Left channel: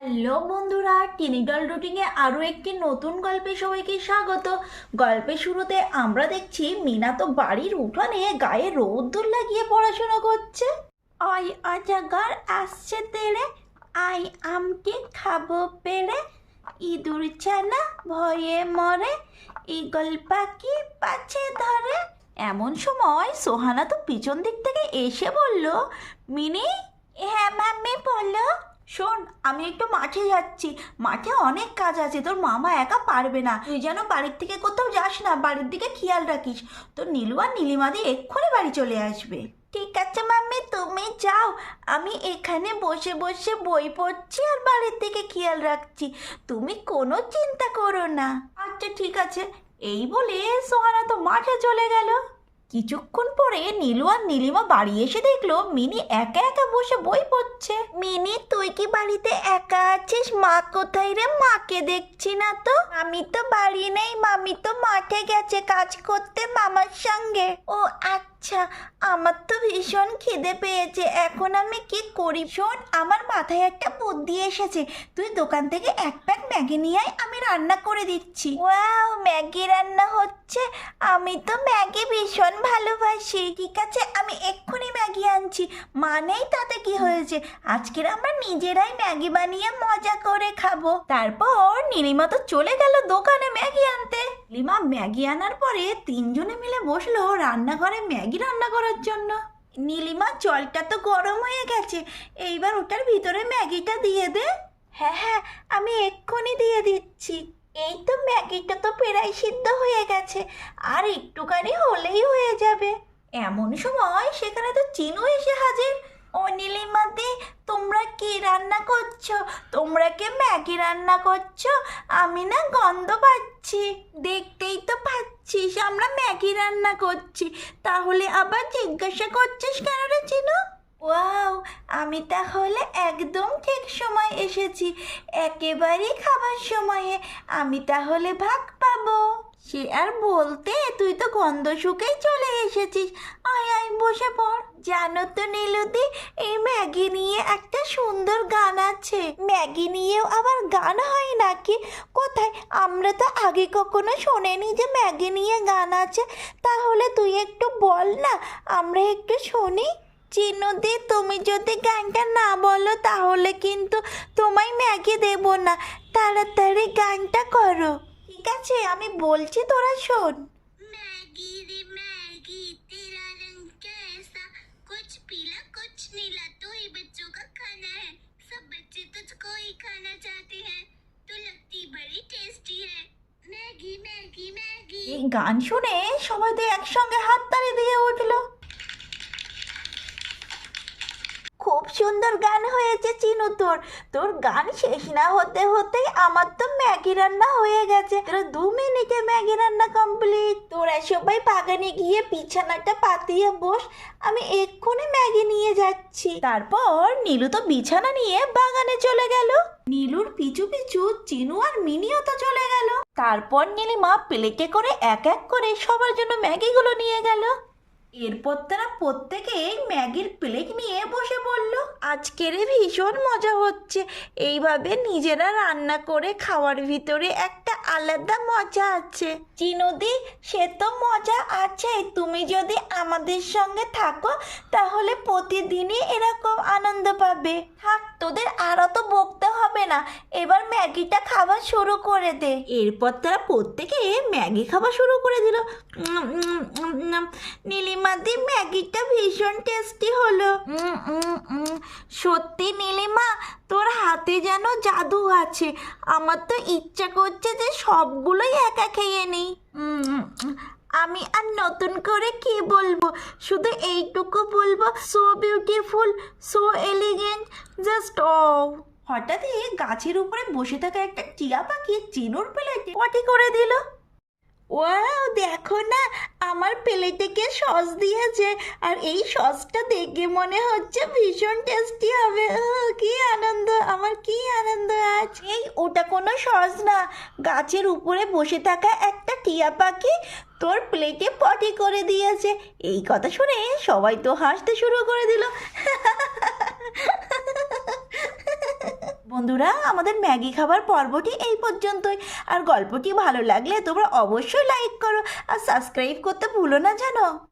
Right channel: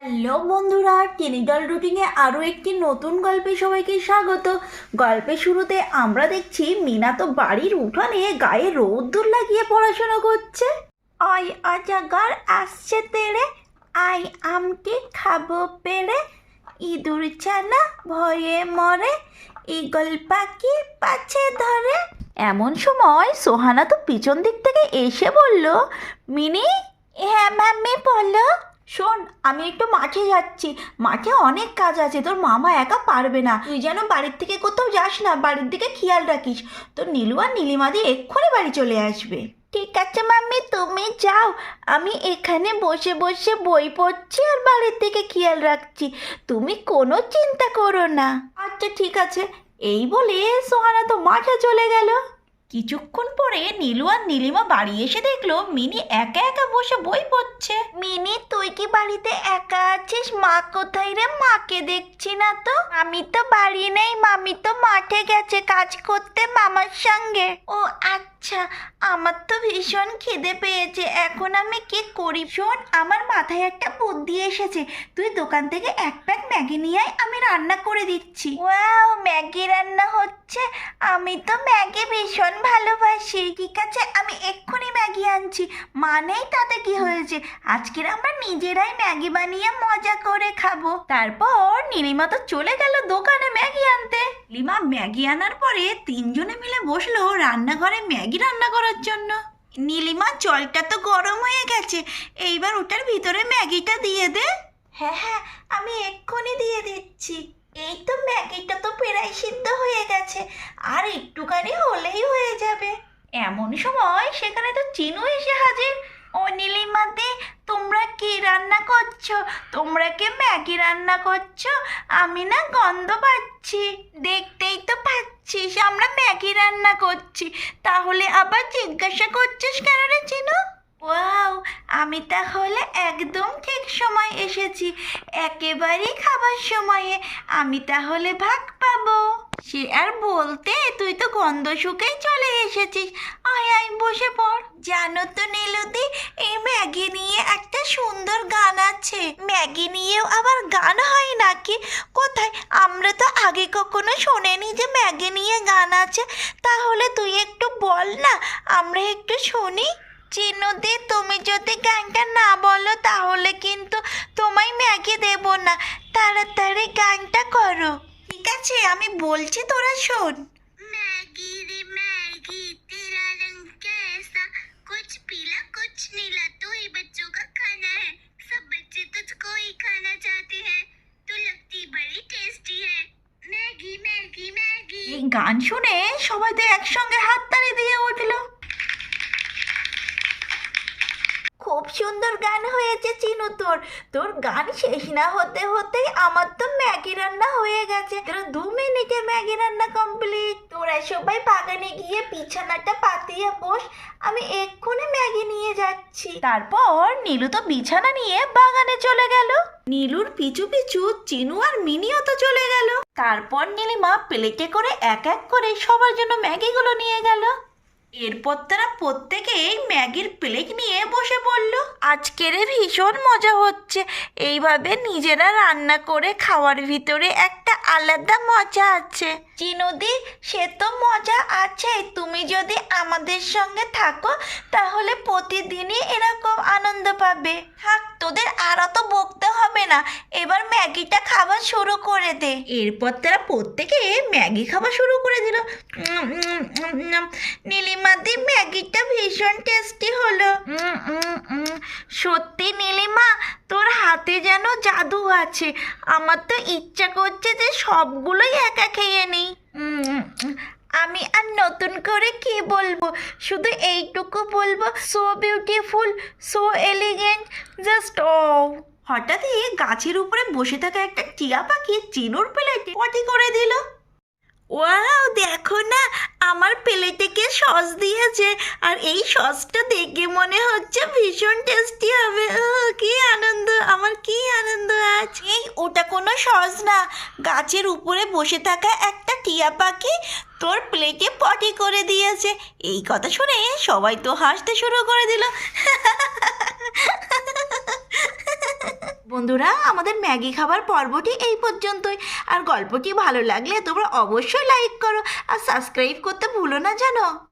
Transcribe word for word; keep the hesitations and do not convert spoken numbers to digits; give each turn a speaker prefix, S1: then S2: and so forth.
S1: Hello বন্ধুরা, টেনিডল রুটিনে আরও একটি নতুন গল্পে সবাইকে স্বাগত। গল্পের শুরুতে আমরা দেখছি মিনা তো বাড়ির উঠানে গায়ে রোদ্দুর লাগিয়ে পড়াশোনা করছে। আই আজাগার আসছে তেরে, আই আমকে খাবো পেরে, ইঁদুর ছানা ভয়ে মরে, ঈগল পাখি পাছে ধরে। এমন সময় সোহানা তো পিছন দিক থেকে এসে বলল, মিনি। হ্যাঁ মাম্মি বলো। শোন, আমি একটু মাঠে যাচ্ছি, মাঠে অনেক কাজ আছে, তোর মামা একা পারবে না, তুই যেন বাড়ির থেকে কোথাও যাস না, বাড়ির দিকে খেয়াল রাখিস। তোর নীলু আর নীলিমাদি এক্ষুনি বাড়ি চলে আসবে। ঠিক আছে মাম্মি, তুমি যাও, আমি এখানে বসে বসে বই পড়ছি আর বাড়ির দিকে খেয়াল রাখছি, তুমি কোনো চিন্তা করো না। আচ্ছা ঠিক আছে। এই বলে সোহানা তো মাঠে চলে গেল। কিছুক্ষণ পরে নীলু আর নীলিমা বাড়ি এসে দেখলো মিনি একা একা বসে বই পড়ছে। মিনি, তুই কি বাড়িতে একা আছিস? মা কোথায় রে? মাকে দেখছি না তো। আমি তো বাড়ি নেই, মামি তো মাঠে গেছে কাজ করতে মামার সঙ্গে। ও আচ্ছা, আমার তো ভীষণ খিদে পেয়েছে, এখন আমি কি করি? শোন, আমার মাথায় একটা বুদ্ধি এসেছে, তুই দোকান থেকে এক প্যাক ম্যাগি নিয়ে আয়, আমি রান্না করে দিচ্ছি। ওয়াও, ম্যাগি রান্না হচ্ছে? আমি তো ম্যাগি ভীষণ ভালোবাসি। ঠিক আছে, আমি এক্ষুনি ম্যাগি আনছি। মানেই তাতে কি হয়েছে, আজকের আমরা নিজেরাই ম্যাগি বানিয়ে মজা করে খাবো। তারপর নীলিমা তো চলে গেল দোকানে ম্যাগি আনতে। নীলিমা ম্যাগি আনার পরে তিনজনে মিলে বসলো রান্নাঘরে ম্যাগি রান্না করার জন্য। নীলিমা, জলটা তো গরম হয়ে গেছে, এইবার ওটার ভিতরে ম্যাগিটা দিয়ে দে। হ্যাঁ হ্যাঁ, আমি এক্ষুনি দিয়ে দিচ্ছি। এই তো ম্যাগিটা তো প্রায় সিদ্ধ হয়ে গেছে, আর একটুখানি হলেই হয়ে যাবে। এমন সময় সেখানে তো চিনু এসে হাজির। ও নীলিমাদি, তোমরা কি রান্না করছো? তোমরা কি ম্যাগি রান্না করছো? আমি না গন্ধ পাচ্ছি। দেখতেই তো পাচ্ছিস আমরা ম্যাগি রান্না করছি, তাহলে আবার জিজ্ঞাসা করছিস কেন রে চিনু? ওয়াও, আমি তাহলে একদম ঠিক সময় এসেছি, একেবারেই খাবার সময়ে। আমি তাহলে ভাগ পাবো। সে আর বলতে, তুই তো গন্ধ শুকেই চলে এসেছিস। আয় আয়, বসে পড়। জানো তো নীলুদি, এই ম্যাগি নিয়ে একটা সুন্দর গান আছে। ম্যাগি নিয়েও আবার গান হয় নাকি? কোথায়? আমরা তো আগে কখনো শোনেনি যে ম্যাগি নিয়ে গান আছে। তাহলে তুই একটু বল না, আমরা একটু শুনি। চিনুদি, তুমি যদি গানটা না বলো তাহলে কিন্তু তোমায় ম্যাগি দেব না, তাড়াতাড়ি গানটা করো। ঠিক আছে, আমি বলছি, তোরা শোন।
S2: मैगी रे मैगी तेरा रंग कैसा, कुछ पीला कुछ नीला, तू ही बच्चों का खाना है, सब बच्चे तुझको ही खाना चाहते हैं, तू लगती बड़ी टेस्टी है, मैगी मैगी मैगी।
S1: এই গান শুনে সবাই তো একসঙ্গে হাততালি দিয়ে উঠলো। খুব সুন্দর গান হয়েছে চিনু তোর। তোর গান শেষ না হতে হতেই আমার তো ম্যাগি রান্না হয়ে গেছে। তোর দু মিনিটে ম্যাগি রান্না কমপ্লিট। তোরা সবাই বাগানে গিয়ে বিছানাটা পাতিয়ে বস, আমি এক্ষুনি ম্যাগি নিয়ে যাচ্ছি। তারপর নীলু তো বিছানা নিয়ে বাগানে চলে গেল। নীলুর পিছু পিছু চিনু আর মিনিও তো চলে গেল। তারপর নীলিমা প্লেটে করে এক এক করে সবার জন্য ম্যাগিগুলো নিয়ে গেল। এরপর তারা প্রত্যেকেই ম্যাগির প্লেট নিয়ে বসে পড়ল। আজকের ভীষণ মজা হচ্ছে, এইভাবে নিজেরা রান্না করে খাওয়ার ভিতরে একটা আলাদা মজা আছে। চিনুদি, সে তো মজা আছে, তুমি যদি আমাদের সঙ্গে থাকো তাহলে প্রতিদিনই এরকম আনন্দ পাবে। থাক, তোদের আরও তো বকতে হবে না, এবার ম্যাগিটা খাওয়া শুরু করে দে। এরপর তারা প্রত্যেকে ম্যাগি খাওয়া শুরু করে দিল। নীলিমাদি, ম্যাগিটা ভীষণ টেস্টি হলো। সত্যি নীলিমা, তোর হাতে যেন জাদু আছে, আমার তো ইচ্ছা করছে যে সবগুলোই একা খেয়ে নিই। আমি আর নতুন করে কি বলবো, শুধু এইটুকু বলবো, so beautiful, so elegant, just ও। হঠাৎই গাছের উপরে বসে থাকা একটা টিয়া পাখি চিনুর প্লেটে পটি করে দিল। ওয়াও, দেখো না, আমার প্লেটে কে সস দিয়েছে, আর এই সসটা দেখে মনে হচ্ছে ভীষণ টেস্টি হবে। কি আনন্দ, আমার কি আনন্দ আজ। এই, ওটা কোনো সস না, গাছের উপরে বসে থাকা একটা টিয়া পাখি তোর প্লেটে পটি করে দিয়েছে। এই কথা শুনে সবাই তো হাসতে শুরু করে দিল। বন্ধুরা, আমাদের ম্যাগি খাবার পর্বটি এই পর্যন্তই। আর গল্পটি ভালো লাগলে তোমরা অবশ্যই লাইক করো আর সাবস্ক্রাইব করতে ভুলো না জানো।